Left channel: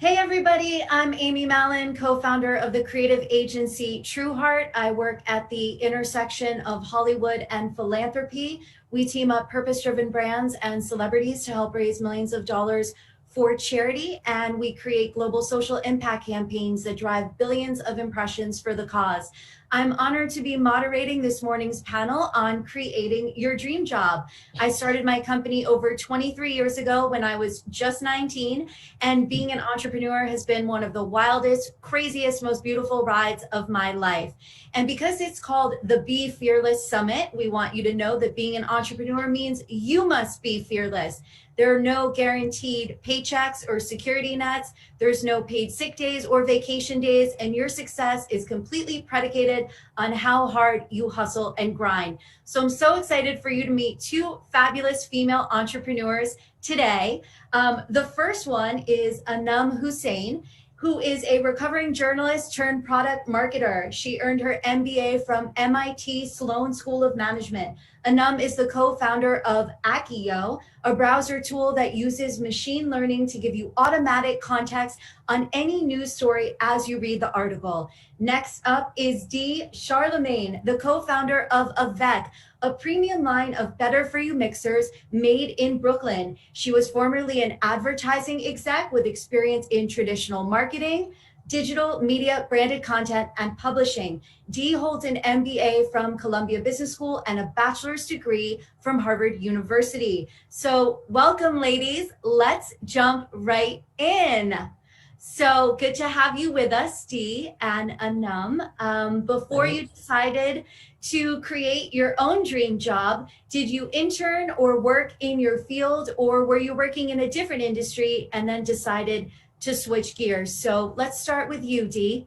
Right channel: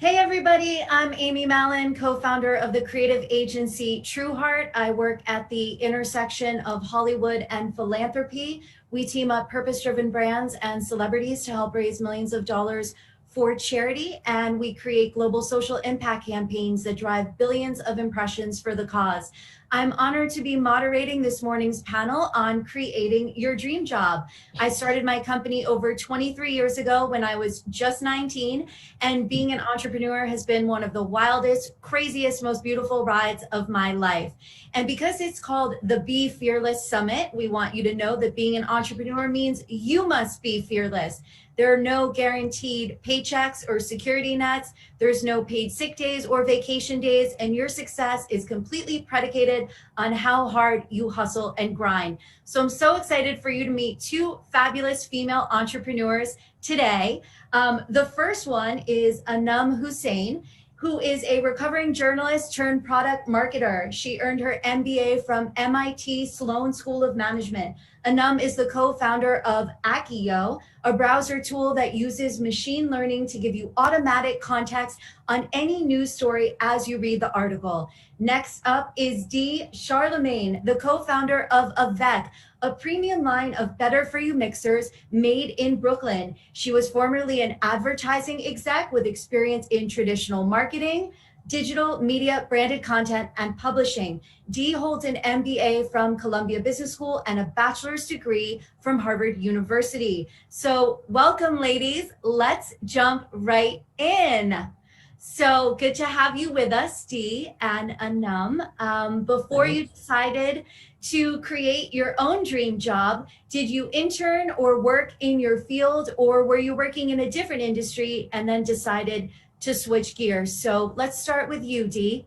Hey everybody, I'm Amy Malin, co-founder of the creative agency Trueheart. I work at the intersection of Hollywood and philanthropy. We team up purpose-driven brands and celebrities to help raise millions of dollars for charity, and we create global social impact campaigns that drive billions of impressions for the cause. I'm honored to be moderating this morning's panel on creating your dream job. I started my company over 23 years ago when I was just 19. And being an entrepreneur has been one of the wildest, craziest, most beautiful rides of my life. And because it's called the Be Fearless Summit, we want you to know that being an entrepreneur means you must be fearless. There are no guaranteed paychecks or security nets. There's no paid sick days or vacation days, and your success is completely predicated on how hard you hustle and grind. So I'm so excited for you to meet two fabulous female entrepreneurs today. The first one is Anum Hussain, who is a recovering journalist turned product marketer. She earned her MBA from MIT Sloan School of Management. Anum is the co-founder of Accio, a browser tool that uses machine learning to give you automatic context on any news story as you read the article. Next up is Dee Charlemange, the co-founder of Avec, a premium line of better for you mixers made in Brooklyn. She was formerly an advertising exec with experience in traditional marketing, digital media, branded content, and publishing. Dee holds an MBA from Columbia Business School and a bachelor's degree from Harvard University. So welcome, ladies. Let's jump right in. So good to have you with us, Dee and Anum. Before you decided to create your own dream job, did you intern or work in your field, or were you working in a different industry and then decided to switch gears? So let's start with you, Dee.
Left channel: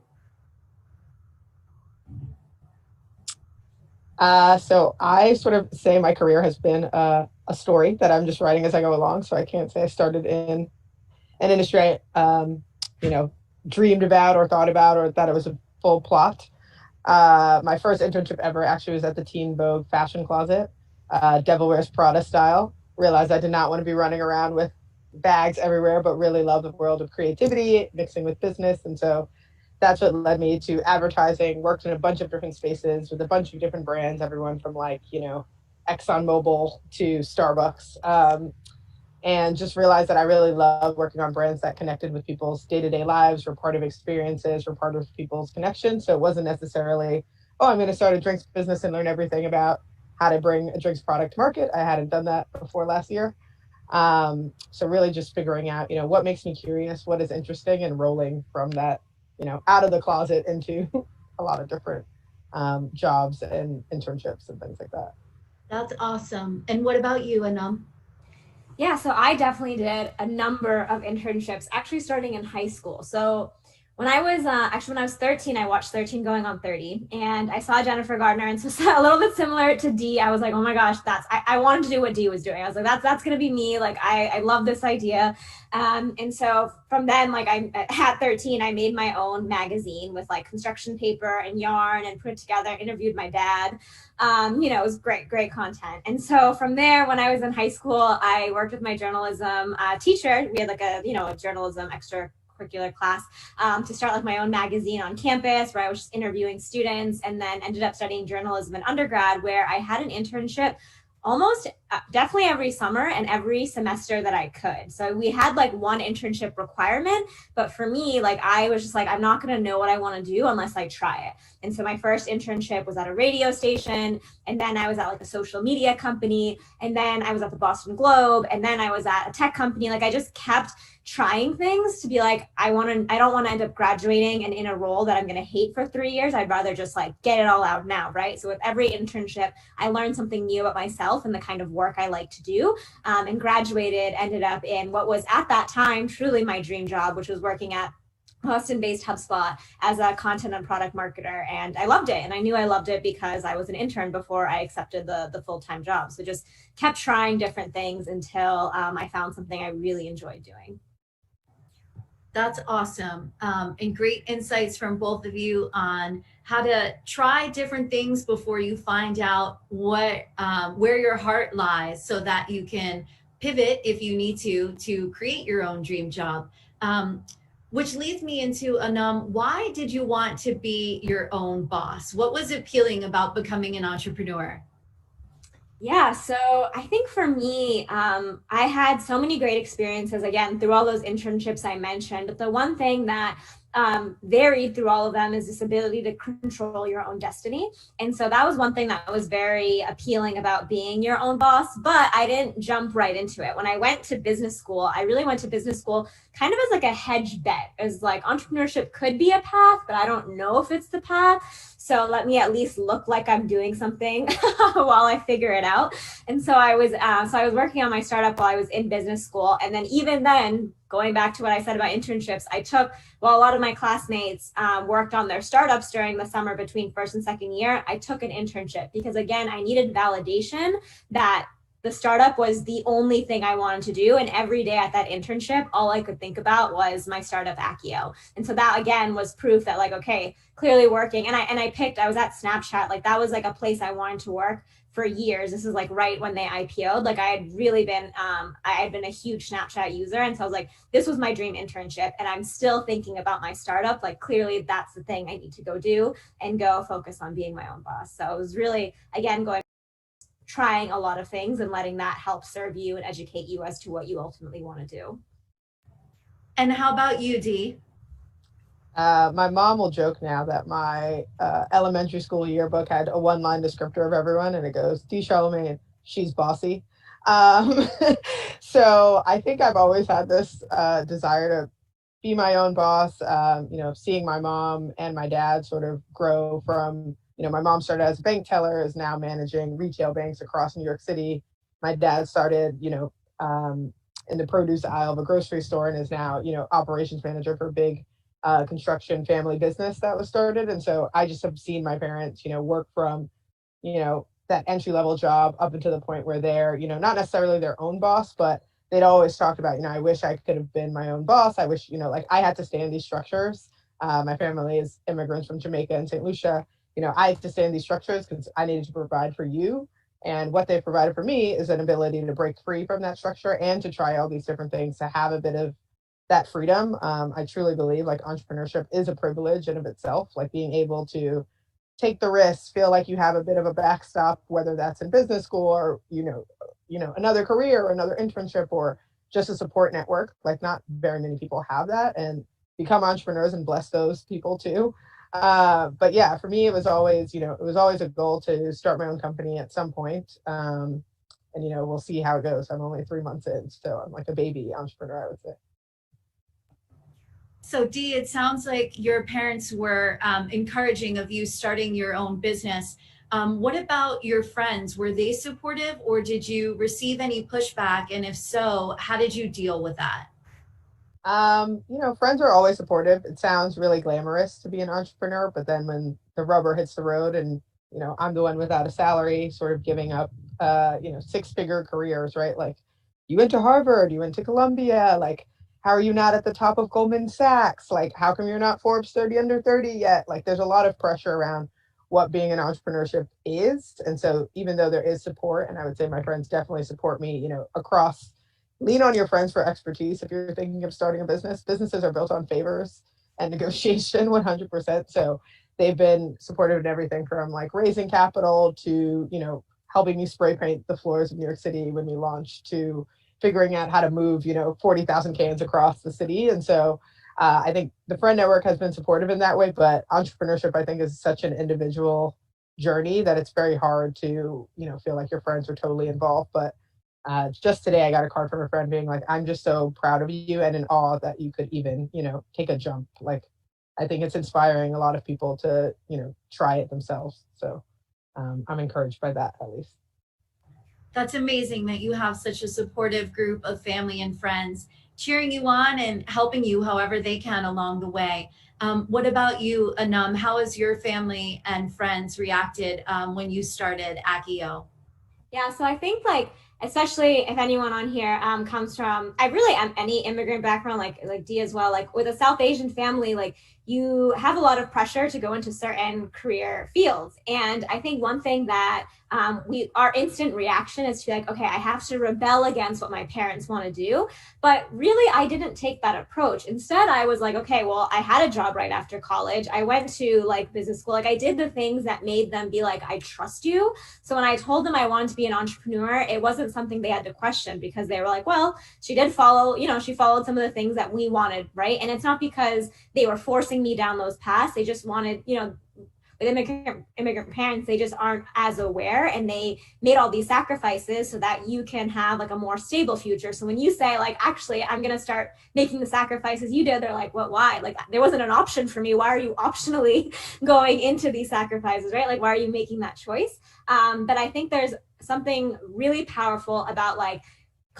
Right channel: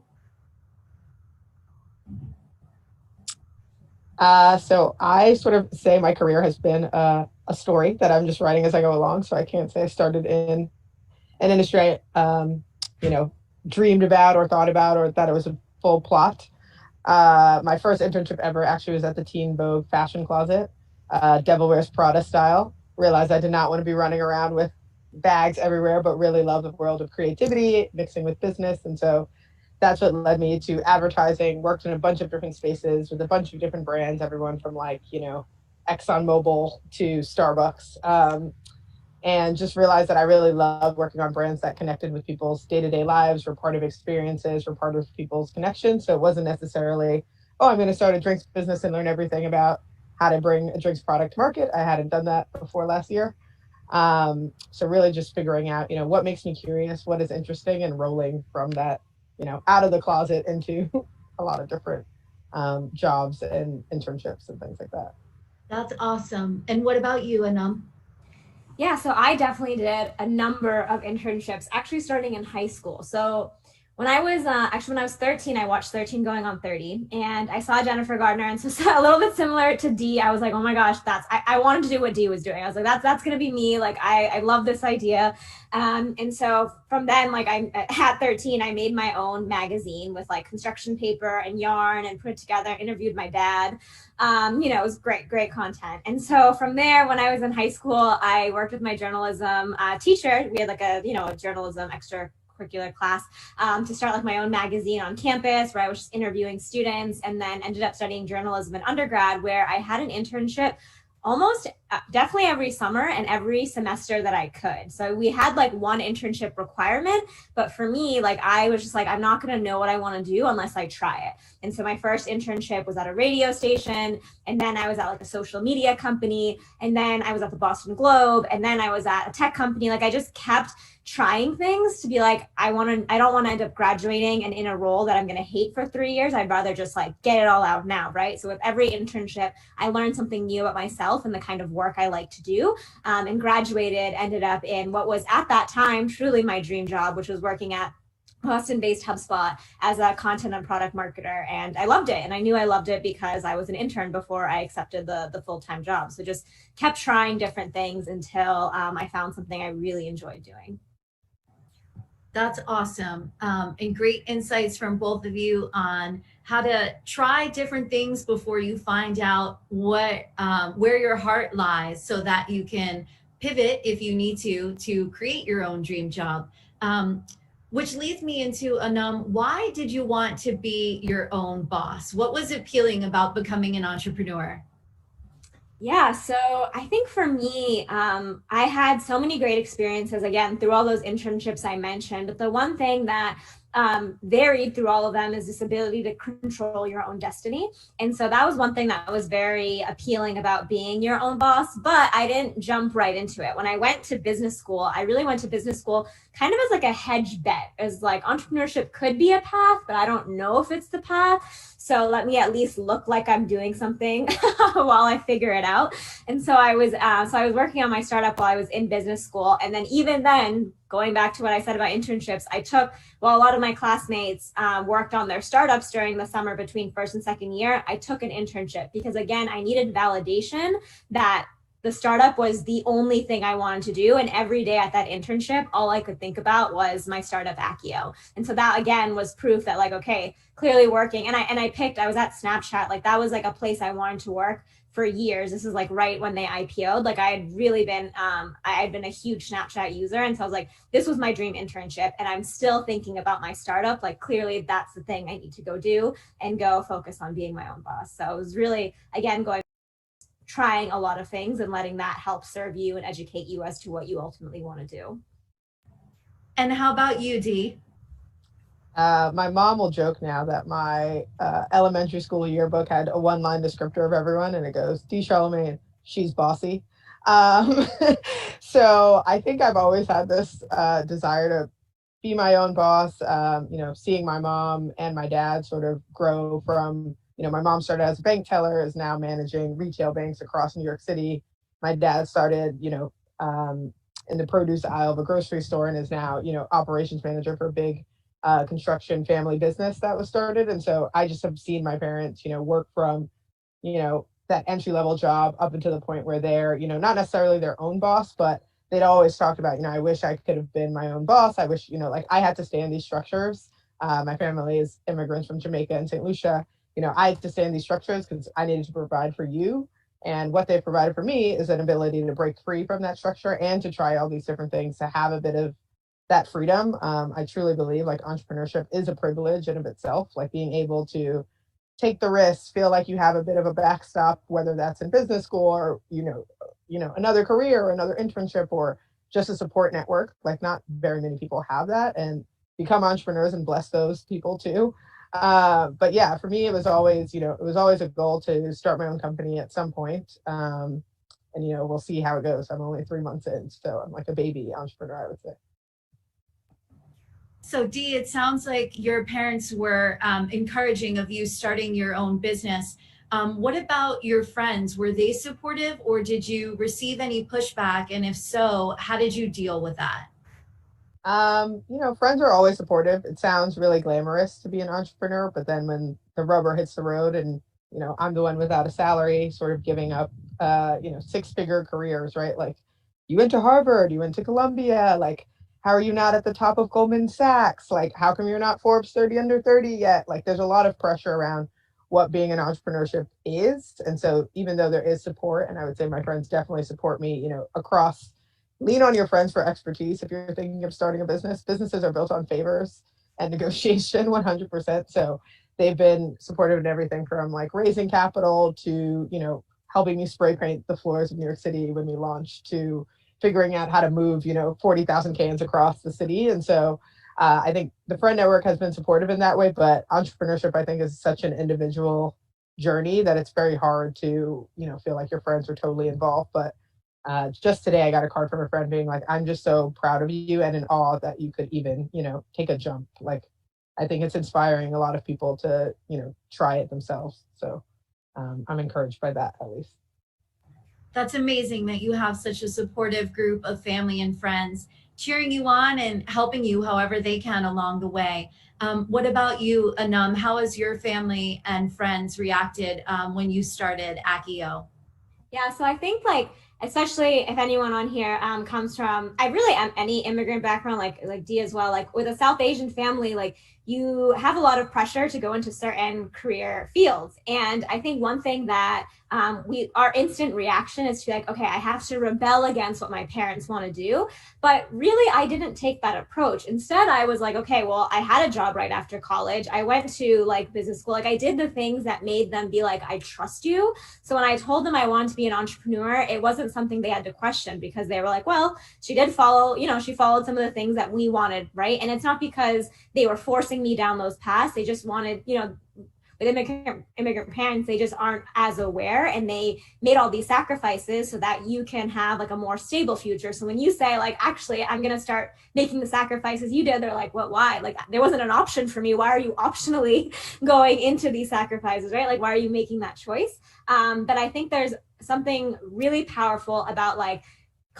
So I sort of say my career has been a story that I'm just writing as I go along. So I can't say I started in an industry you know, dreamed about or thought about or thought it was a full plot. My first internship ever actually was at the Teen Vogue fashion closet, Devil Wears Prada style. Realized I did not want to be running around with bags everywhere, but really love the world of creativity, mixing with business. And so that's what led me to advertising, worked in a bunch of different spaces with a bunch of different brands, everyone from ExxonMobil to Starbucks. And just realized that I really love working on brands that connected with people's day-to-day lives, were part of experiences, were part of people's connections. So it wasn't necessarily, oh, I'm going to start a drinks business and learn everything about how to bring a drinks product to market. I hadn't done that before last year. So really just figuring out, what makes me curious, what is interesting, and rolling from that, out of the closet into a lot of different jobs and internships and things like that. That's awesome. And what about you, Anum? Yeah, so I definitely did a number of internships, actually starting in high school. So when I was 13, I watched 13 Going on 30, and I saw Jennifer Gardner, and so a little bit similar to Dee. I was like, oh my gosh, I wanted to do what Dee was doing. I was like, that's gonna be me. Like I love this idea. And so from then, like at 13, I made my own magazine with like construction paper and yarn and put it together, interviewed my dad. It was great content. And so from there, when I was in high school, I worked with my journalism teacher. We had like a journalism extracurricular class to start like my own magazine on campus, where I was just interviewing students, and then ended up studying journalism in undergrad, where I had an internship almost definitely every summer and every semester that I could. So we had like one internship requirement, but for me, like I was just like, I'm not going to know what I want to do unless I try it. And so my first internship was at a radio station, and then I was at like a social media company, and then I was at the Boston Globe, and then I was at a tech company. Like I just kept trying things to be like, I don't want to end up graduating and in a role that I'm going to hate for 3 years. I'd rather just like get it all out now, right? So with every internship, I learned something new about myself and the kind of work I like to do, and graduated, ended up in what was at that time truly my dream job, which was working at Boston-based HubSpot as a content and product marketer. And I loved it. And I knew I loved it because I was an intern before I accepted the full-time job. So just kept trying different things until I found something I really enjoyed doing. That's awesome. And great insights from both of you on how to try different things before you find out where your heart lies, so that you can pivot if you need to create your own dream job. Which leads me into Anum. Why did you want to be your own boss? What was appealing about becoming an entrepreneur? Yeah, so I think for me, I had so many great experiences again through all those internships I mentioned. But the one thing that varied through all of them is this ability to control your own destiny. And so that was one thing that was very appealing about being your own boss. But I didn't jump right into it. When I went to business school, I really went to business school kind of as like a hedge bet, as like entrepreneurship could be a path, but I don't know if it's the path. So let me at least look like I'm doing something while I figure it out. And so I was working on my startup while I was in business school. And then even then, going back to what I said about internships, while a lot of my classmates worked on their startups during the summer between first and second year, I took an internship because again, I needed validation that the startup was the only thing I wanted to do. And every day at that internship, all I could think about was my startup Accio. And so that again was proof that like, okay, clearly working. And I was at Snapchat, like that was like a place I wanted to work for years. This is like right when they IPO'd. Like I had really been, I had been a huge Snapchat user. And so I was like, this was my dream internship. And I'm still thinking about my startup. Like clearly that's the thing I need to go do and go focus on being my own boss. So it was really, again, trying a lot of things and letting that help serve you and educate you as to what you ultimately want to do. And how about you, Dee? My mom will joke now that my elementary school yearbook had a one-line descriptor of everyone, and it goes, "D. Charlemagne, she's bossy." Um, so I think I've always had this desire to be my own boss. Seeing my mom and my dad sort of grow from, my mom started as a bank teller, is now managing retail banks across New York City. My dad started, in the produce aisle of a grocery store and is now, operations manager for a big construction family business that was started. And so I just have seen my parents, work from, that entry level job up until the point where they're, not necessarily their own boss, but they'd always talked about, I wish I could have been my own boss. I wish, like I had to stay in these structures. My family is immigrants from Jamaica and St. Lucia. I had to stay in these structures because I needed to provide for you. And what they provided for me is an ability to break free from that structure and to try all these different things, to have a bit of that freedom. I truly believe like entrepreneurship is a privilege in of itself, like being able to take the risks, feel like you have a bit of a backstop, whether that's in business school or, another career or another internship or just a support network. Like not very many people have that, and become entrepreneurs and bless those people too. But yeah, for me, it was always, a goal to start my own company at some point. And, we'll see how it goes. I'm only 3 months in, so I'm like a baby entrepreneur, I would say. So, Dee, it sounds like your parents were encouraging of you starting your own business. What about your friends? Were they supportive, or did you receive any pushback? And if so, how did you deal with that? Friends are always supportive. It sounds really glamorous to be an entrepreneur, but then when the rubber hits the road and, I'm the one without a salary, sort of giving up, six-figure careers, right? Like you went to Harvard, you went to Columbia, like, how are you not at the top of Goldman Sachs? Like, how come you're not Forbes 30 under 30 yet? Like, there's a lot of pressure around what being an entrepreneurship is. And so even though there is support, and I would say my friends definitely support me, across, lean on your friends for expertise. If you're thinking of starting a business, businesses are built on favors and negotiation 100%. So they've been supportive in everything from like raising capital to, helping me spray paint the floors of New York City when we launched, to figuring out how to move, 40,000 cans across the city. And so I think the friend network has been supportive in that way, but entrepreneurship, I think, is such an individual journey that it's very hard to, feel like your friends are totally involved. But just today, I got a card from a friend being like, "I'm just so proud of you and in awe that you could even, take a jump." Like, I think it's inspiring a lot of people to, try it themselves. So I'm encouraged by that, at least. That's amazing that you have such a supportive group of family and friends cheering you on and helping you however they can along the way. What about you, Anum? How has your family and friends reacted when you started Accio? Yeah, so I think like especially if anyone on here comes from I really am any immigrant background like Dee as well, like with a South Asian family, like you have a lot of pressure to go into certain career fields. And I think one thing that our instant reaction is to be like, okay, I have to rebel against what my parents want to do. But really, I didn't take that approach. Instead, I was like, okay, well, I had a job right after college. I went to like business school. Like I did the things that made them be like, I trust you. So when I told them I wanted to be an entrepreneur, it wasn't something they had to question, because they were like, well, she did follow, she followed some of the things that we wanted, right? And it's not because they were forcing me down those paths. They just wanted, with immigrant parents, they just aren't as aware, and they made all these sacrifices so that you can have like a more stable future. So when you say like, actually, I'm going to start making the sacrifices you did, they're like, what, why? Like there wasn't an option for me. Why are you optionally going into these sacrifices, right? Like, why are you making that choice? But I think there's something really powerful about like,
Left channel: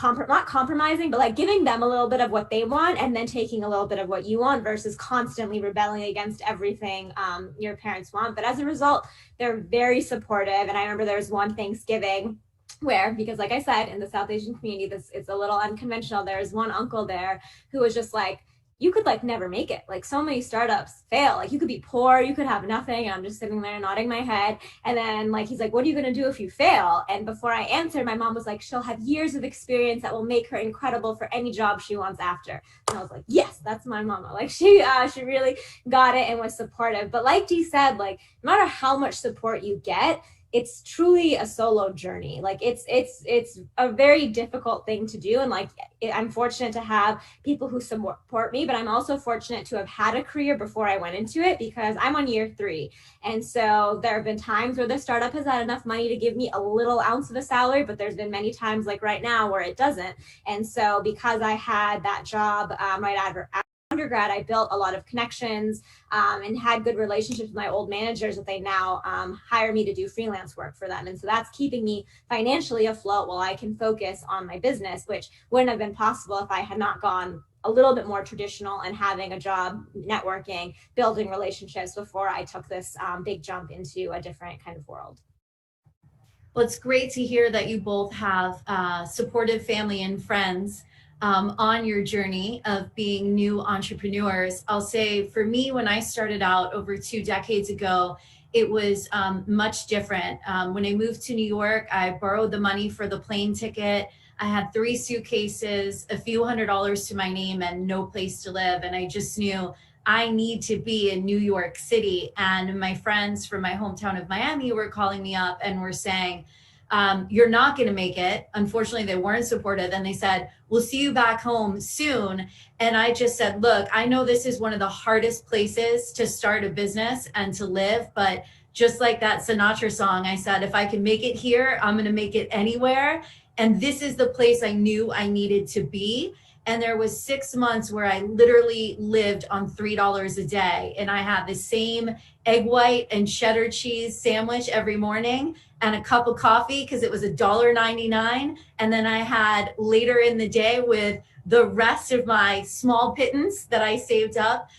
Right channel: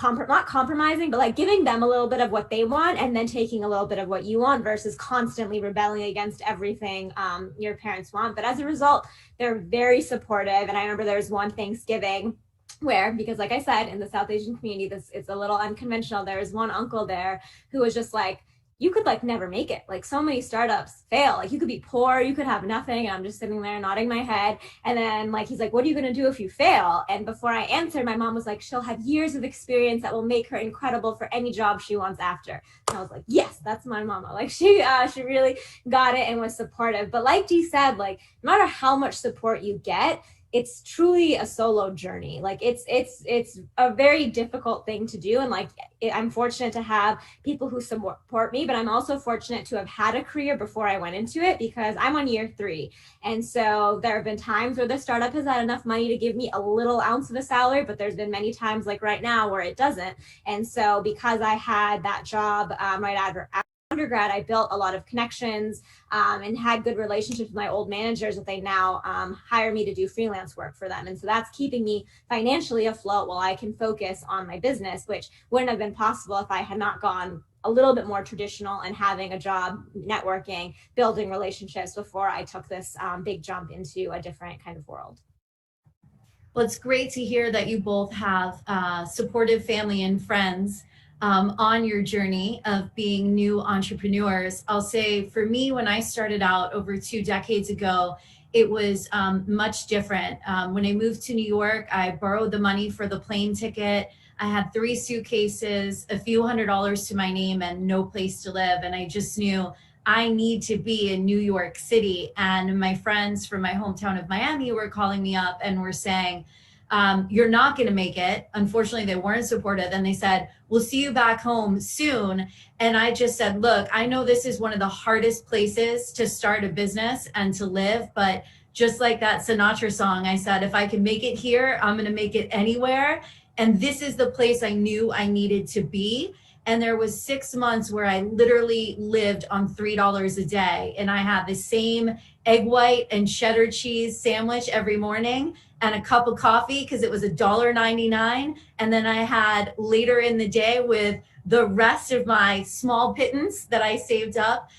not compromising, but like giving them a little bit of what they want and then taking a little bit of what you want, versus constantly rebelling against everything your parents want. But as a result, they're very supportive. And I remember there was one Thanksgiving where, because like I said, in the South Asian community, it's a little unconventional. There's one uncle there who was just like, you could like never make it. Like so many startups fail. Like you could be poor, you could have nothing. And I'm just sitting there nodding my head. And then like, he's like, what are you going to do if you fail? And before I answered, my mom was like, she'll have years of experience that will make her incredible for any job she wants after. And I was like, yes, that's my mama. Like she really got it and was supportive. But like Dee said, like no matter how much support you get, it's truly a solo journey. Like it's a very difficult thing to do. And like, I'm fortunate to have people who support me, but I'm also fortunate to have had a career before I went into it, because I'm on year 3. And so there have been times where the startup has had enough money to give me a little ounce of a salary, but there's been many times like right now where it doesn't. And so because I had that job right after undergrad, I built a lot of connections and had good relationships with my old managers that they now hire me to do freelance work for them. And so that's keeping me financially afloat while I can focus on my business, which wouldn't have been possible if I had not gone a little bit more traditional and having a job, networking, building relationships before I took this big jump into a different kind of world. Well, it's great to hear that you both have supportive family and friends on your journey of being new entrepreneurs. I'll say for me, when I started out over 2 decades ago, it was much different. When I moved to New York, I borrowed the money for the plane ticket. I had 3 suitcases, a few $100s to my name, and no place to live. And I just knew I need to be in New York City. And my friends from my hometown of Miami were calling me up and were saying, you're not going to make it. Unfortunately, they weren't supportive. And they said, we'll see you back home soon. And I just said, look, I know this is one of the hardest places to start a business and to live. But just like that Sinatra song, I said, if I can make it here, I'm going to make it anywhere. And this is the place I knew I needed to be. And there was 6 months where I literally lived on $3 a day. And I had the same egg white and cheddar cheese sandwich every morning and a cup of coffee because it was $1.99. And then I had later in the day, with the rest of my small pittance that I saved up,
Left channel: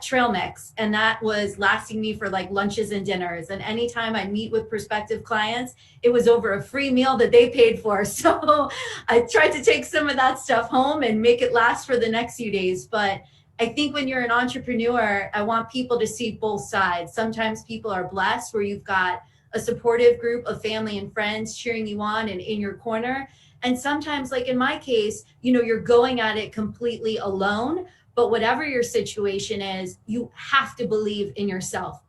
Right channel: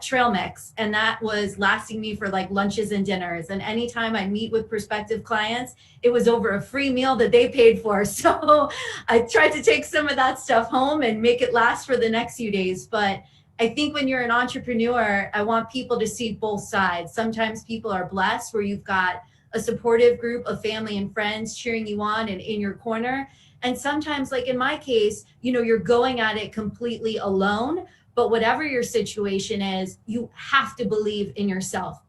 trail mix. And that was lasting me for like lunches and dinners. And anytime I meet with prospective clients, it was over a free meal that they paid for. So I tried to take some of that stuff home and make it last for the next few days. But I think when you're an entrepreneur, I want people to see both sides. Sometimes people are blessed where you've got a supportive group of family and friends cheering you on and in your corner. And sometimes, like in my case, you're going at it completely alone. But whatever your situation is, you have to believe in yourself.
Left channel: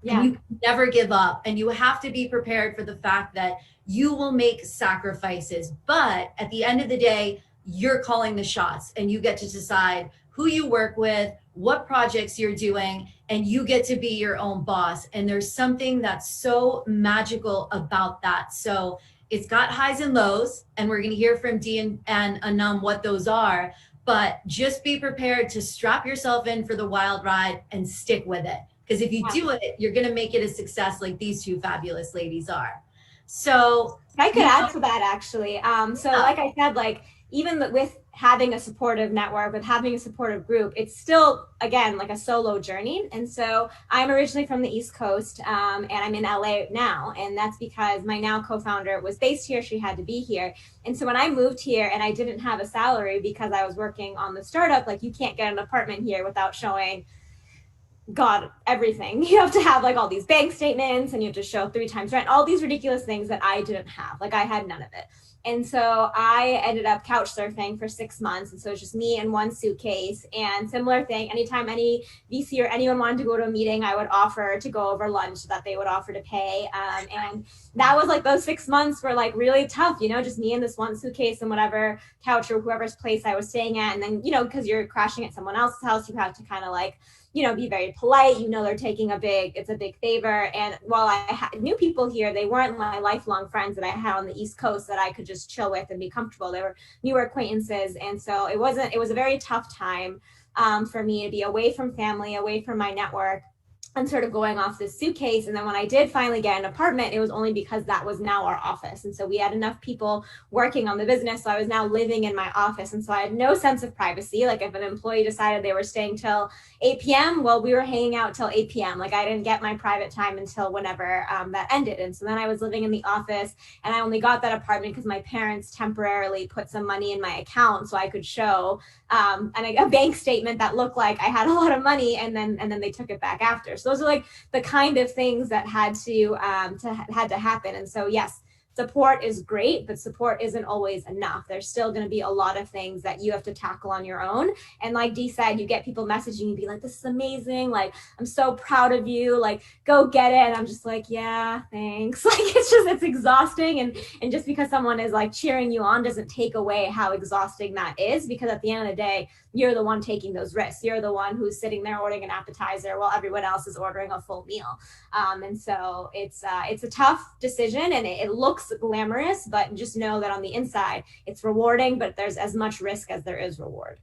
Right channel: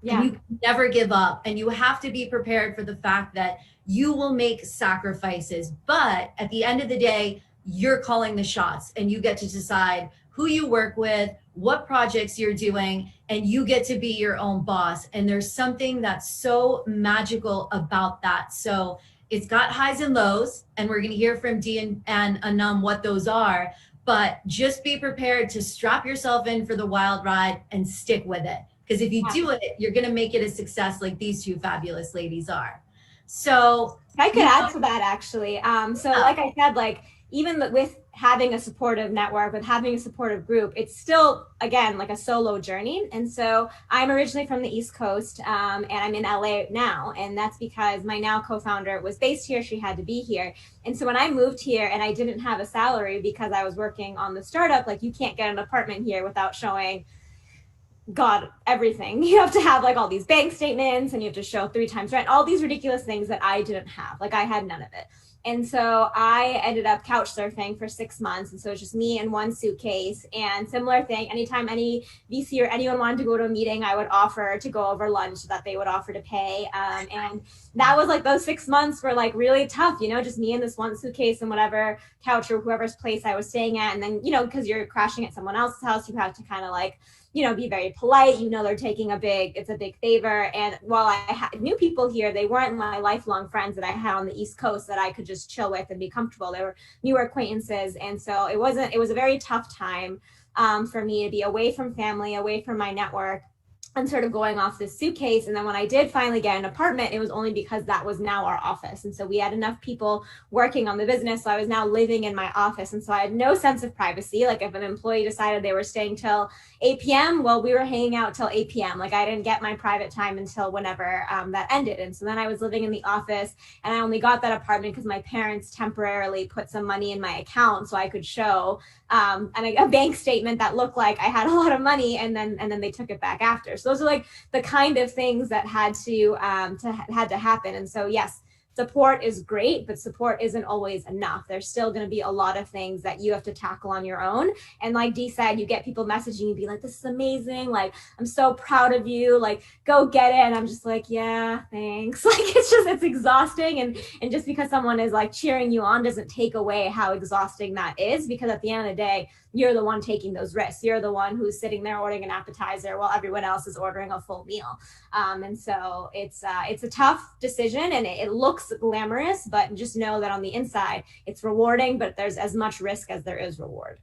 Yeah. And you never give up. And you have to be prepared for the fact that you will make sacrifices. But at the end of the day, you're calling the shots and you get to decide who you work with, what projects you're doing, and you get to be your own boss. And there's something that's so magical about that. So it's got highs and lows, and we're going to hear from Dee and Anum what those are. But just be prepared to strap yourself in for the wild ride and stick with it. Because if you do it, you're going to make it a success like these 2 fabulous ladies are. So I could add to that, actually. Like I said, like even with having a supportive network, with having a supportive group, it's still, again, like a solo journey. And so I'm originally from the East Coast and I'm in LA now. And that's because my now co-founder was based here. She had to be here. And so when I moved here and I didn't have a salary because I was working on the startup, like you can't get an apartment here without showing God, everything. You have to have like all these bank statements and you have to show 3 times rent, all these ridiculous things that I didn't have. Like I had none of it. And so I ended up couch surfing for 6 months. And so it's just me and one suitcase. And similar thing, anytime any VC or anyone wanted to go to a meeting, I would offer to go over lunch that they would offer to pay. And that was like those 6 months were like really tough, just me and this one suitcase and whatever couch or whoever's place I was staying at. And then, because you're crashing at someone else's house, you have to kind of like, be very polite. They're taking it's a big favor. And while I knew people here, they weren't my lifelong friends that I had on the East Coast that I could just chill with and be comfortable. They were newer acquaintances. And so it was a very tough time for me to be away from family, away from my network, and sort of going off this suitcase. And then when I did finally get an apartment, it was only because that was now our office. And so we had enough people working on the business. So I was now living in my office. And so I had no sense of privacy. Like if an employee decided they were staying till 8 p.m., well, we were hanging out till 8 p.m. Like I didn't get my private time until whenever that ended. And so then I was living in the office, and I only got that apartment because my parents temporarily put some money in my account so I could show and a bank statement that looked like I had a lot of money, and then they took it back after. So those are like the kind of things that had to happen. And so yes, support is great, but support isn't always enough. There's still going to be a lot of things that you have to tackle on your own. And like Dee said, you get people messaging you, be like, this is amazing. Like, I'm so proud of you. Like, go get it. And I'm just like, yeah, thanks. Like, it's exhausting. And just because someone is like cheering you on doesn't take away how exhausting that is, because at the end of the day, you're the one taking those risks. You're the one who's sitting there ordering an appetizer while everyone else is ordering a full meal. And so it's a tough decision, and it looks glamorous, but just know that on the inside, it's rewarding, but there's as much risk as there is reward.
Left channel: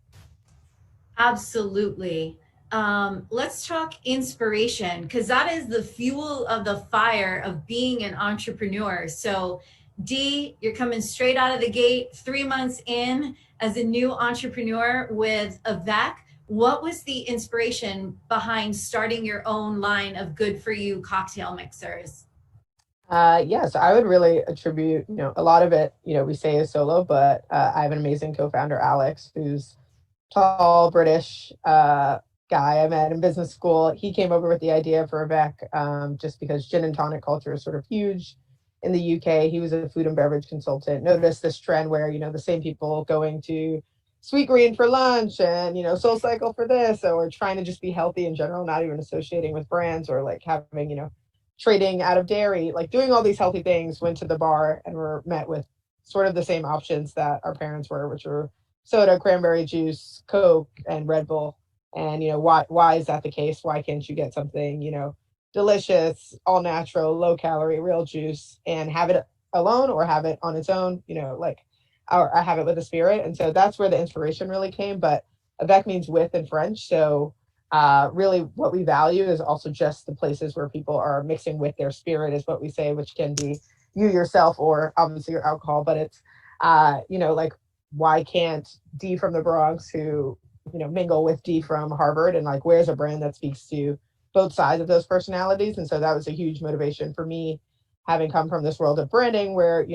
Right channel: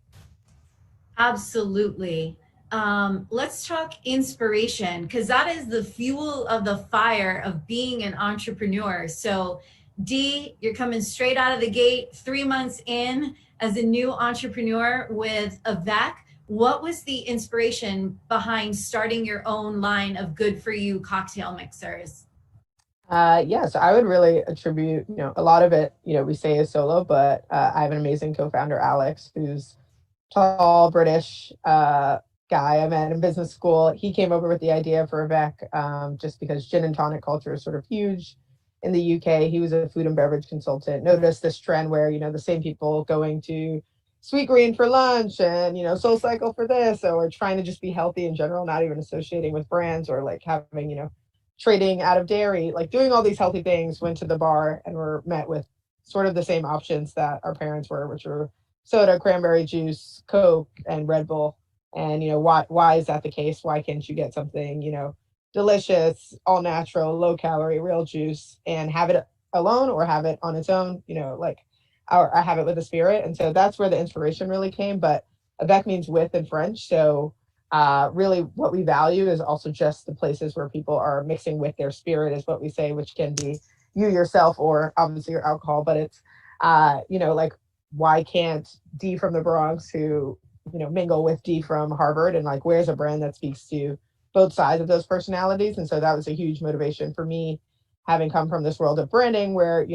Absolutely. Let's talk inspiration, because that is the fuel of the fire of being an entrepreneur. So Dee, you're coming straight out of the gate, 3 months in as a new entrepreneur with Avec. What was the inspiration behind starting your own line of good for you cocktail mixers? So I would really attribute, a lot of it, we say is solo, but I have an amazing co-founder, Alex, who's tall, British guy I met in business school. He came over with the idea for Avec just because gin and tonic culture is sort of huge in the UK. He was a food and beverage consultant, noticed this trend where, the same people going to Sweet Green for lunch and, Soul Cycle for this, or trying to just be healthy in general, not even associating with brands or like having, trading out of dairy, like doing all these healthy things, went to the bar and were met with sort of the same options that our parents were, which were soda, cranberry juice, Coke, and Red Bull. And, why is that the case? Why can't you get something, delicious, all natural, low calorie, real juice, and have it alone or have it on its own, or I have it with a spirit. And so that's where the inspiration really came. But Avec means with in French. So really what we value is also just the places where people are mixing with their spirit, is what we say, which can be you yourself or obviously your alcohol. But it's, like, why can't D from the Bronx who, mingle with D from Harvard, and like, where's a brand that speaks to both sides of those personalities? And so that was a huge motivation for me, having come from this world of branding where,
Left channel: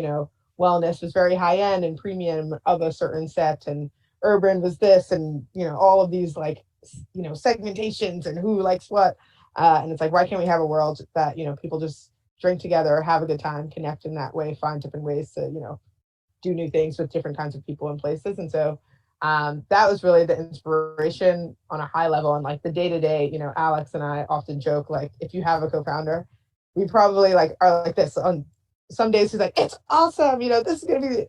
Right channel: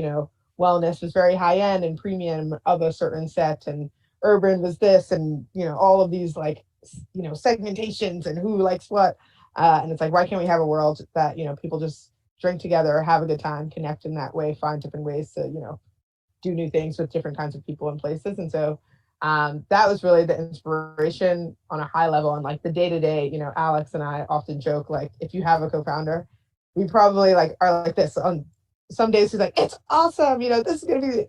wellness was very high end and premium of a certain set, and urban was this, and, all of these like, segmentations and who likes what. And it's like, why can't we have a world that, people just drink together, have a good time, connect in that way, find different ways to, do new things with different kinds of people and places. And so that was really the inspiration on a high level. And like the day to day, Alex and I often joke, like, if you have a co-founder, we probably like are like this on some days. He's like, it's awesome. This is going to be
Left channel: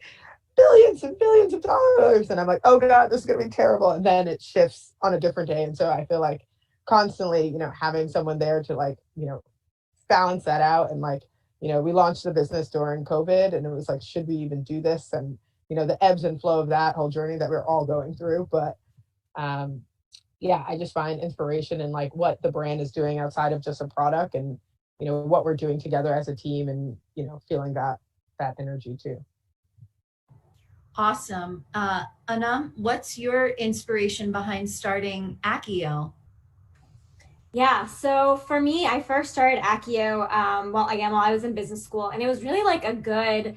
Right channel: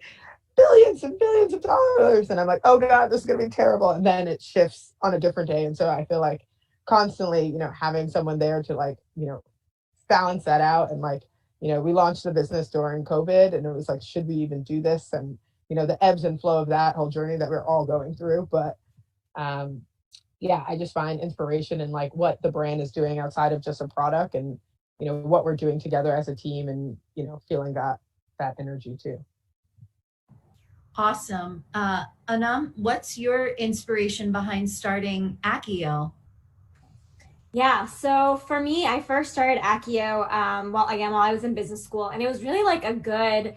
billions and billions of dollars. And I'm like, oh God, this is going to be terrible. And then it shifts on a different day. And so I feel like constantly, having someone there to like, balance that out. And like, we launched the business during COVID, and it was like, should we even do this? And, the ebbs and flow of that whole journey that we're all going through. But I just find inspiration in like what the brand is doing outside of just a product, and, what we're doing together as a team, and, feeling that energy too. Awesome. Anum, what's your inspiration behind starting Accio? Yeah, so for me, I first started Accio while I was in business school, and it was really like a good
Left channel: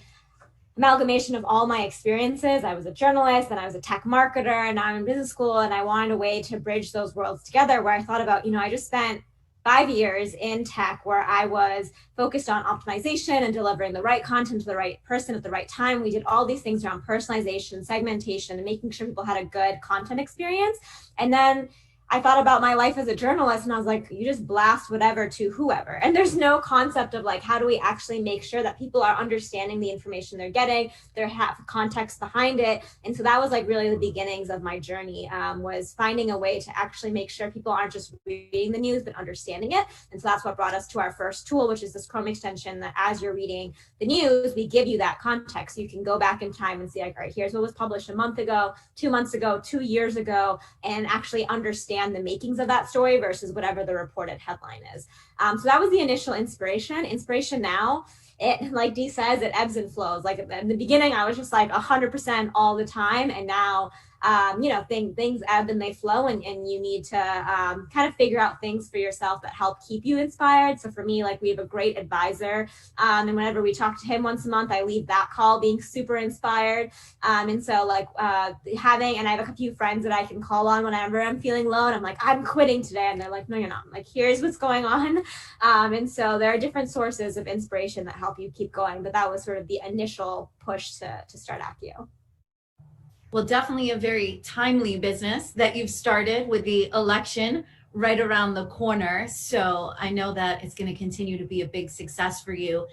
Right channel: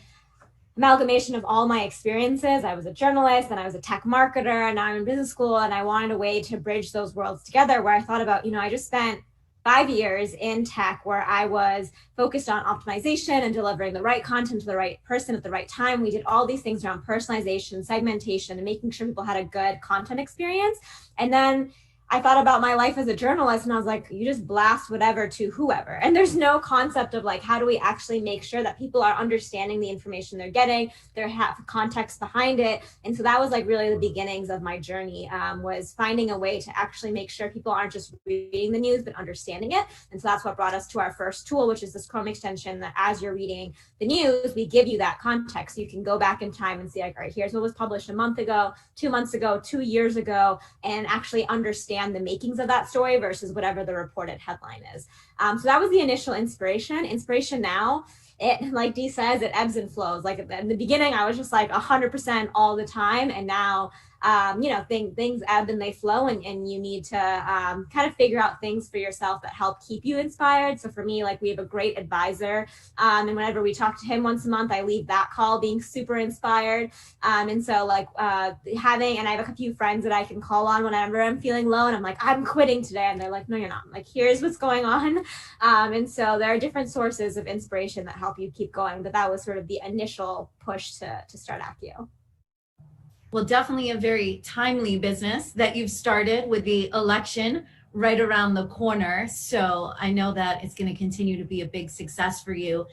amalgamation of all my experiences. I was a journalist and I was a tech marketer, and now I'm in business school, and I wanted a way to bridge those worlds together, where I thought about, I just spent 5 years in tech where I was focused on optimization and delivering the right content to the right person at the right time. We did all these things around personalization, segmentation, and making sure people had a good content experience. And then I thought about my life as a journalist, and I was like, you just blast whatever to whoever. And there's no concept of like, how do we actually make sure that people are understanding the information they're getting, they have context behind it. And so that was like really the beginnings of my journey, was finding a way to actually make sure people aren't just reading the news, but understanding it. And so that's what brought us to our first tool, which is this Chrome extension that as you're reading the news, we give you that context. So you can go back in time and see like, all right, here's what was published a month ago, 2 months ago, 2 years ago, and actually understand the makings of that story versus whatever the reported headline is. So that was the initial inspiration. Inspiration now, it, like Dee says, it ebbs and flows. Like in the beginning, I was just like 100% all the time. And now, things ebb and they flow, and you need to kind of figure out things for yourself that help keep you inspired. So for me, like we have a great advisor, and whenever we talk to him once a month, I leave that call being super inspired. And so like and I have a few friends that I can call on whenever I'm feeling low and I'm like, I'm quitting today. And they're like, no, you're not. I'm like, here's what's going on. And so there are different sources of inspiration that help you keep going. But that was sort of the initial push to start Accio. Well, definitely a very timely business that you've started with the election right around the corner. So I know that it's going to continue to be a big success for you.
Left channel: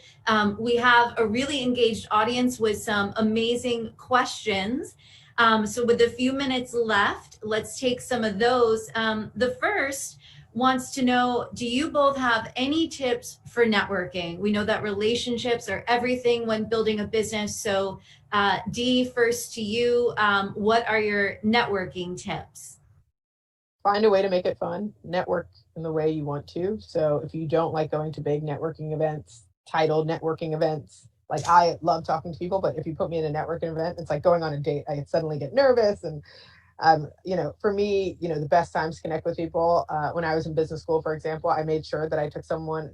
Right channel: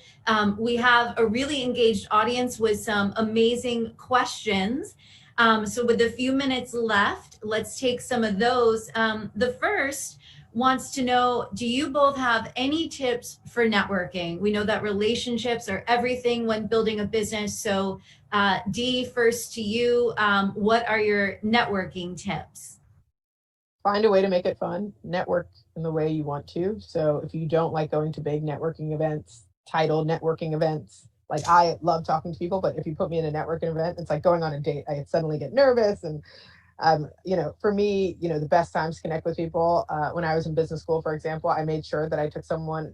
We have a really engaged audience with some amazing questions. So with a few minutes left, let's take some of those. The first wants to know, do you both have any tips for networking? We know that relationships are everything when building a business. So Dee, first to you, what are your networking tips? Find a way to make it fun. Network in the way you want to. So if you don't like going to big networking events, titled networking events, like I love talking to people, but if you put me in a networking event, it's like going on a date. I suddenly get nervous. And for me, the best times to connect with people. When I was in business school, for example, I made sure that I took someone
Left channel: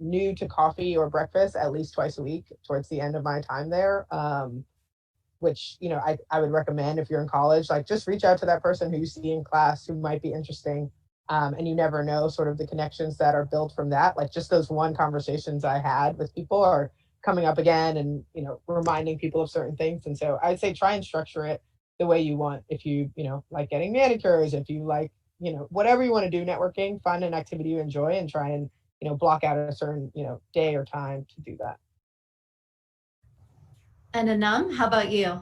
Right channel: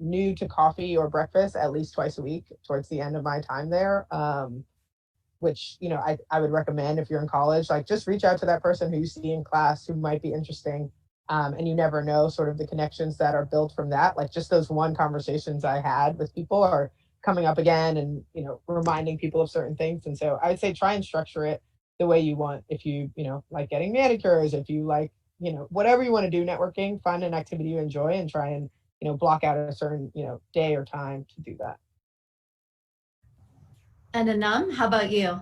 new to coffee or breakfast at least twice a week towards the end of my time there. Which I would recommend if you're in college, like just reach out to that person who you see in class who might be interesting, and you never know sort of the connections that are built from that. Like just those one conversations I had with people are coming up again, and reminding people of certain things. And so I would say try and structure it the way you want. If you like getting manicures, if you like whatever you want to do networking, find an activity you enjoy and try and block out a certain day or time to do that. And Anum, how about you?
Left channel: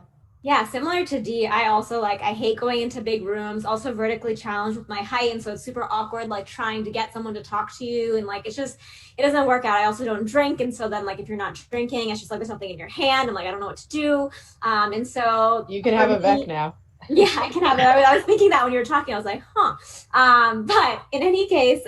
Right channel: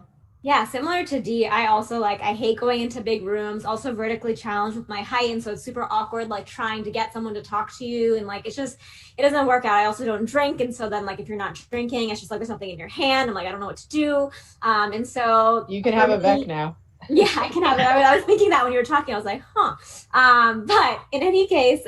Yeah, similar to Dee, I also I hate going into big rooms, also vertically challenged with my height. And so it's super awkward, like trying to get someone to talk to you. And it doesn't work out. I also don't drink. And so then if you're not drinking, it's just like there's something in your hand. I'm like, I don't know what to do. And so you can have a Vec now. Yeah, I can have it. I was thinking that when you were talking, I was like, but in any case,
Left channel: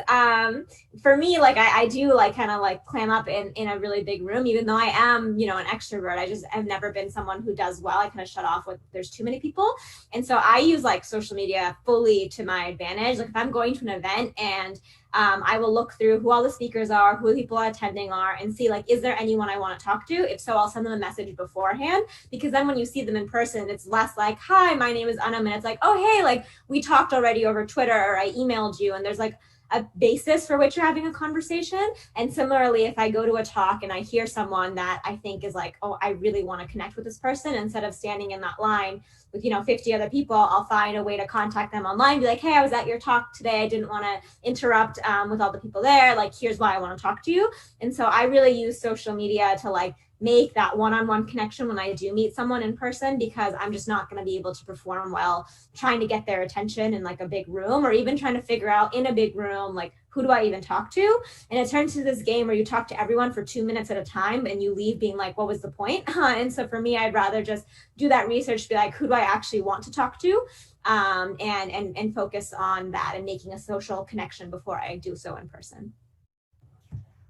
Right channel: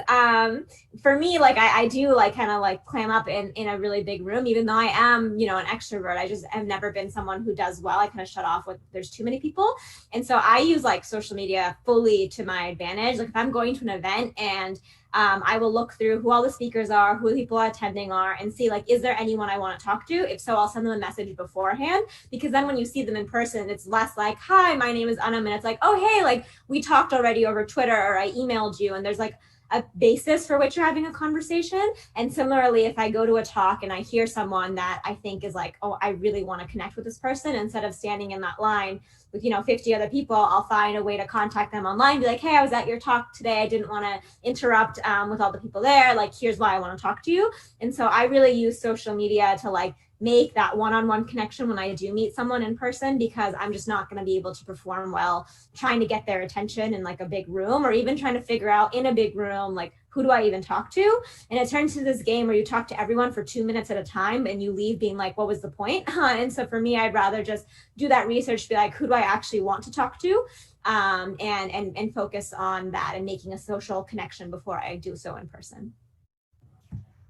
for me, I do kind of clam up in a really big room, even though I am, an extrovert. I've never been someone who does well. I kind of shut off when there's too many people. And so I use social media fully to my advantage. If I'm going to an event and I will look through who all the speakers are, who the people attending are, and see is there anyone I want to talk to? If so, I'll send them a message beforehand, because then when you see them in person, it's less hi, my name is Anum, and it's oh, hey, we talked already over Twitter, or I emailed you, and there's a basis for which you're having a conversation. And similarly, if I go to a talk and I hear someone that I think is oh, I really want to connect with this person, instead of standing in that line with 50 other people, I'll find a way to contact them online, be hey, I was at your talk today, I didn't want to interrupt with all the people there, here's why I want to talk to you. And so I really use social media to make that one-on-one connection when I do meet someone in person, because I'm just not going to be able to perform well trying to get their attention in a big room, or even trying to figure out in a big room who do I even talk to. And it turns to this game where you talk to everyone for 2 minutes at a time, and you leave being what was the point? And so for me, I'd rather just do that research to be who do I actually want to talk to, and focus on that and making a social connection before I do so in person.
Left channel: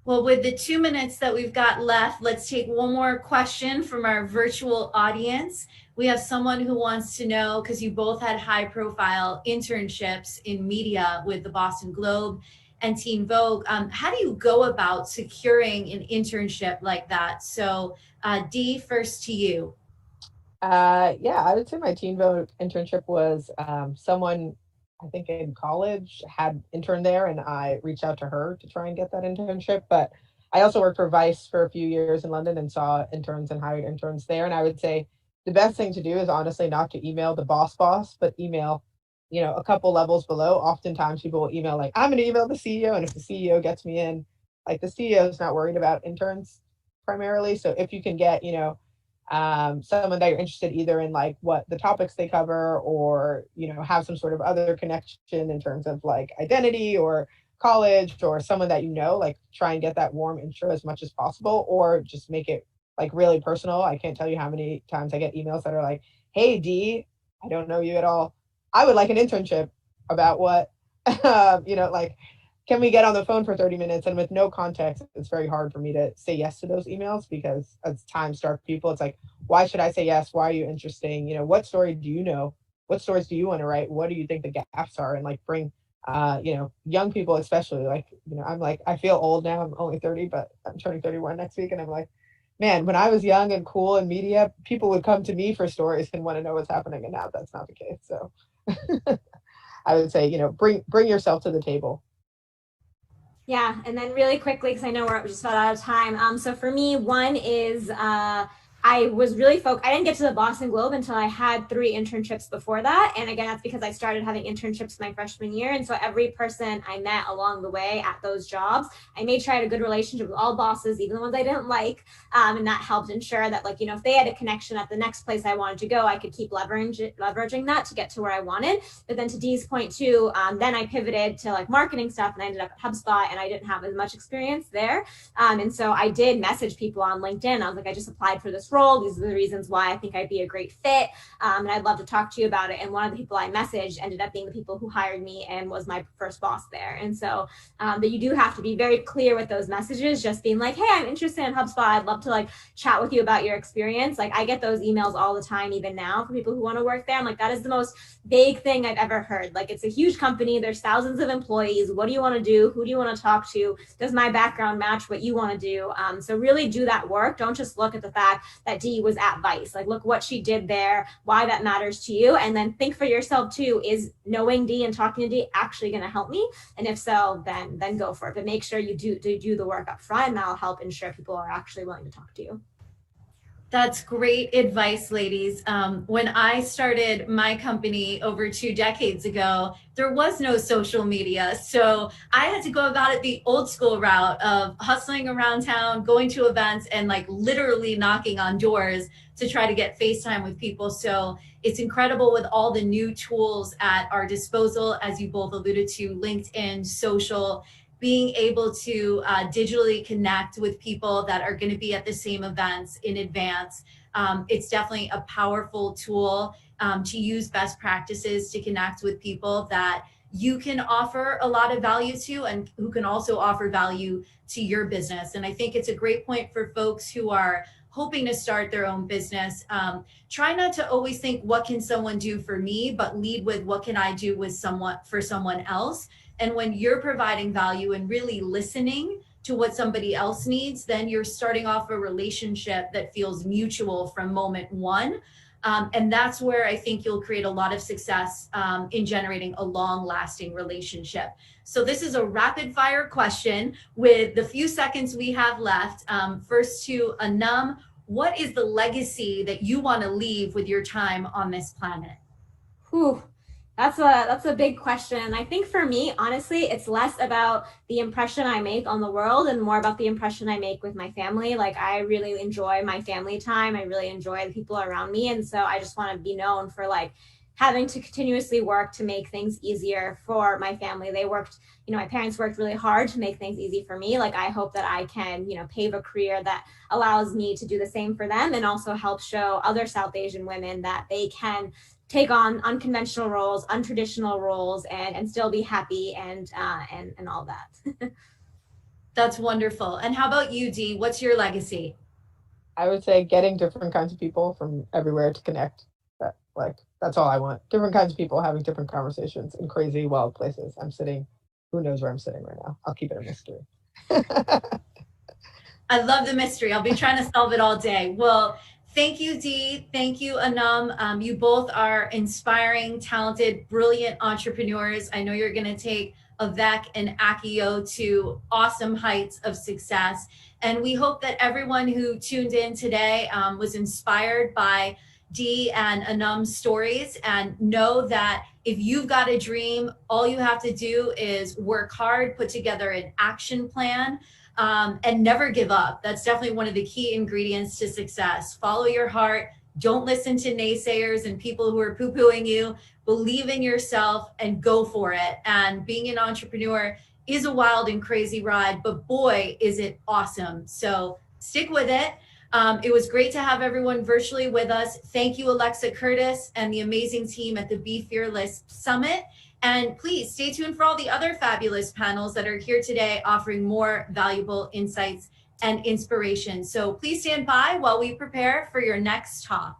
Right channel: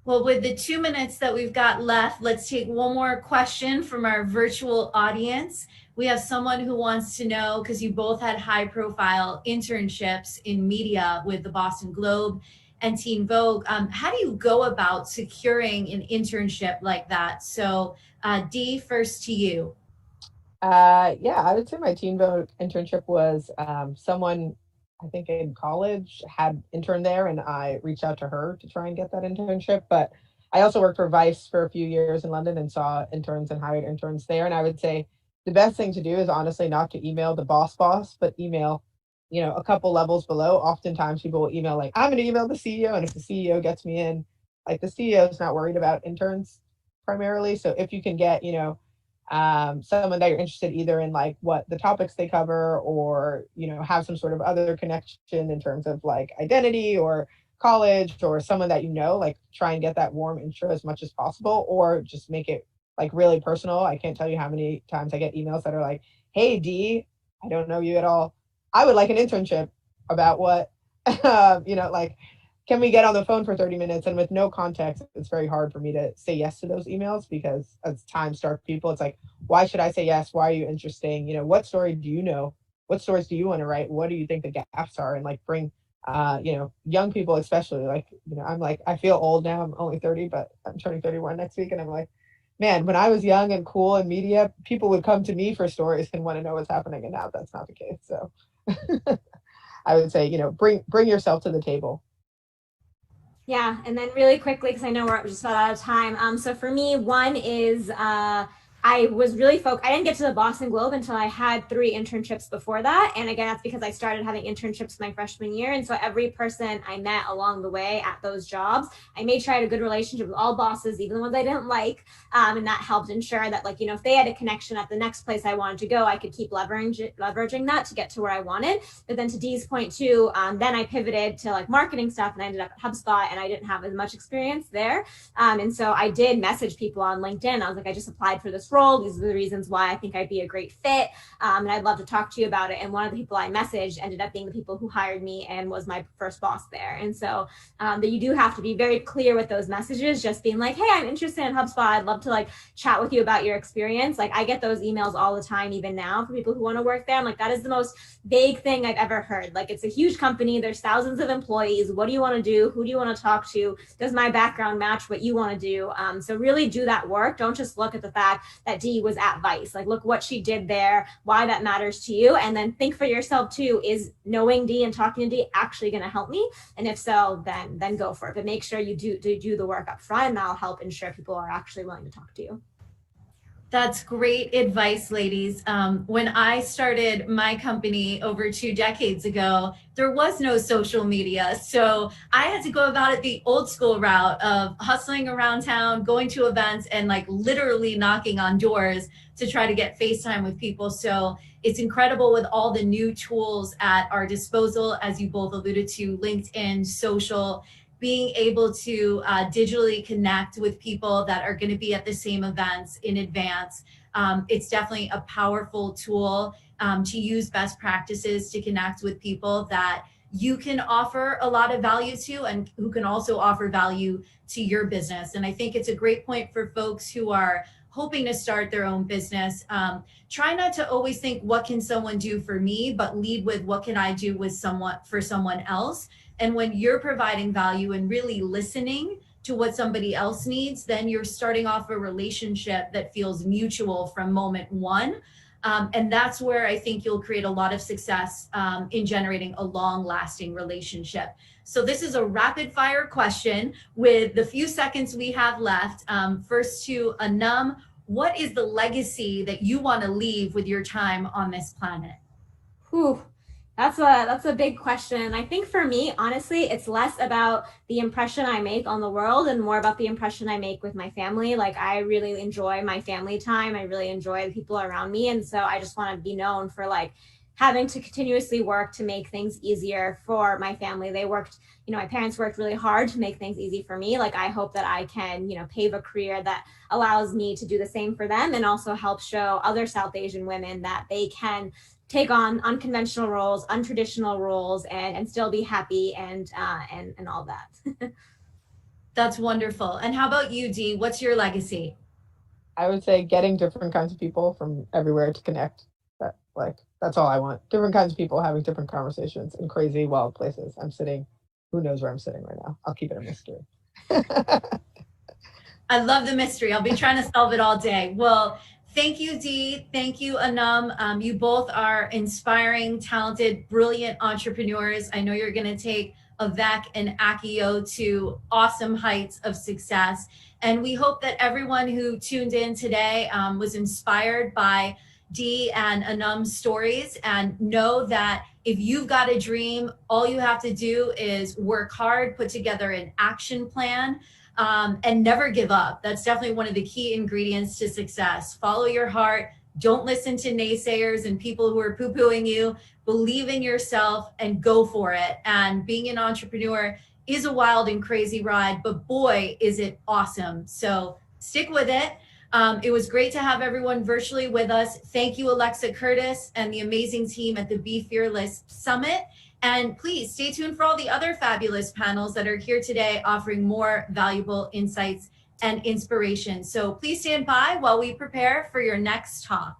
Well, with the 2 minutes that we've got left, let's take one more question from our virtual audience. We have someone who wants to know, because you both had high profile internships in media with the Boston Globe and Teen Vogue. How do you go about securing an internship like that? So, Dee, first to you. Yeah, I would say my Teen Vogue internship was someone I think in college had interned there, and I reached out to her to try and get that internship. But I also worked for Vice for a few years in London and saw interns and hired interns there. And I would say the best thing to do is honestly not to email the boss, but email, a couple levels below. Oftentimes people will email like, I'm going to email the CEO, and if the CEO gets me in, like the CEO is not worried about interns primarily. So if you can get, someone that you're interested either in like what the topics they cover, or have some sort of other connection in terms of like identity or college, or someone that like try and get that warm intro as much as possible, or just make it like really personal. I can't tell you how many times I get emails that are like, hey D, I don't know you at all, I would like an internship about what like, can we get on the phone for 30 minutes? And with no context, it's very hard for me to say yes to those emails, because as time starts people, it's like, why should I say yes? Why are you interesting? What story do you know? What stories do you want to write? What do you think the gaps are? And like bring, young people, especially like, I'm like, I feel old now. I'm only 30, but I'm turning 31 next week. And I'm like, man, when I was young and cool in media, people would come to me for stories and want to know what's happening. And now that's not the case. So I would say, bring yourself to the table. Yeah, and then really quickly, because I know we're just about out of time. So for me, one is I was really focused. I didn't get to the Boston Globe until I had 3 internships before that. And again, that's because I started having internships my freshman year. And so every person I met along the way at those jobs, I made sure I had a good relationship with all bosses, even the ones I didn't like. And that helped ensure that, like, if they had a connection at the next place I wanted to go, I could keep leveraging that to get to where I wanted. But then to Dee's point too, then I pivoted to like marketing stuff, and I ended up at HubSpot, and I didn't have as much experience there. And so I did message people on LinkedIn. I was like, I just applied for this role. These are the reasons why I think I'd be a great fit. And I'd love to talk to you about it. And one of the people I messaged ended up being the people who hired me and was my first boss there. And so that you do have to be very clear with those messages, just being like, hey, I'm interested in HubSpot. I'd love to like chat with you about your experience. Like I get those emails all the time, even now, for people who want to work there. I'm like, that is the most vague thing I've ever heard. Like, it's a huge company. There's thousands of employees. What do you want to do? Who do you want to talk to? Does my background match what you want to do? So really do that work. Don't just look at the fact that Dee was at Vice. Like, look what she did there, why that matters to you. And then think for yourself too, is knowing Dee and talking to Dee actually going to help me? And if so, then go for it. But make sure you do the work up front, and that'll help ensure people are actually willing to talk to you. That's great advice, ladies. When I started my company over 2 decades ago, there was no social media. So I had to go about it the old school route of hustling around town, going to events, and like literally knocking on doors to try to get FaceTime with people. So it's incredible with all the new tools at our disposal, as you both alluded to, LinkedIn, social, being able to digitally connect with people that are going to be at the same events in advance. It's definitely a powerful tool to use best practices to connect with people that you can offer a lot of value to, and who can also offer value to your business. And I think it's a great point for folks who are hoping to start their own business. Try not to always think, what can someone do for me, but lead with, what can I do with someone for someone else? And when you're providing value and really listening to what somebody else needs, then you're starting off a relationship that feels mutual from moment one. And that's where I think you'll create a lot of success in generating a long lasting relationship. So this is a rapid fire question with the few seconds we have left. First to Anum, what is the legacy that you want to leave with your time on this planet? Whew. That's a big question. I think for me, honestly, it's less about the impression I make on the world and more about the impression I make with my family. Like, I really enjoy my family time. I really enjoy the people around me. And so I just want to be known for like having to continuously work to make things easier for my family. They worked, my parents worked really hard to make things easy for me. Like, I hope that I can, pave a career that allows me to do the same for them, and also help show other South Asian women that they can take on unconventional roles, untraditional roles, and still be happy and all that. That's wonderful. And how about you, Dee? What's your legacy? I would say getting different kinds of people from everywhere to connect. That's all I want. Different kinds of people having different conversations in crazy, wild places. I'm sitting Who knows where I'm sitting right now? I'll keep it a mystery. I love the mystery. I'll be trying to solve it all day. Well, thank you, Dee. Thank you, Anum. You both are inspiring, talented, brilliant entrepreneurs. I know you're going to take Avec and Akio to awesome heights of success. And we hope that everyone who tuned in today was inspired by Dee and Anum's stories, and know that if you've got a dream, all you have to do is work hard, put together an action plan, and never give up. That's definitely one of the key ingredients to success. Follow your heart. Don't listen to naysayers and people who are poo-pooing you. Believe in yourself and go for it. And being an entrepreneur is a wild and crazy ride, but boy, is it awesome. So stick with it. It was great to have everyone virtually with us. Thank you, Alexa Curtis and the amazing team at the Be Fearless Summit. And please stay tuned for all the other fabulous panels that are here today, offering more valuable insights and inspiration. So please stand by while we prepare for your next talk.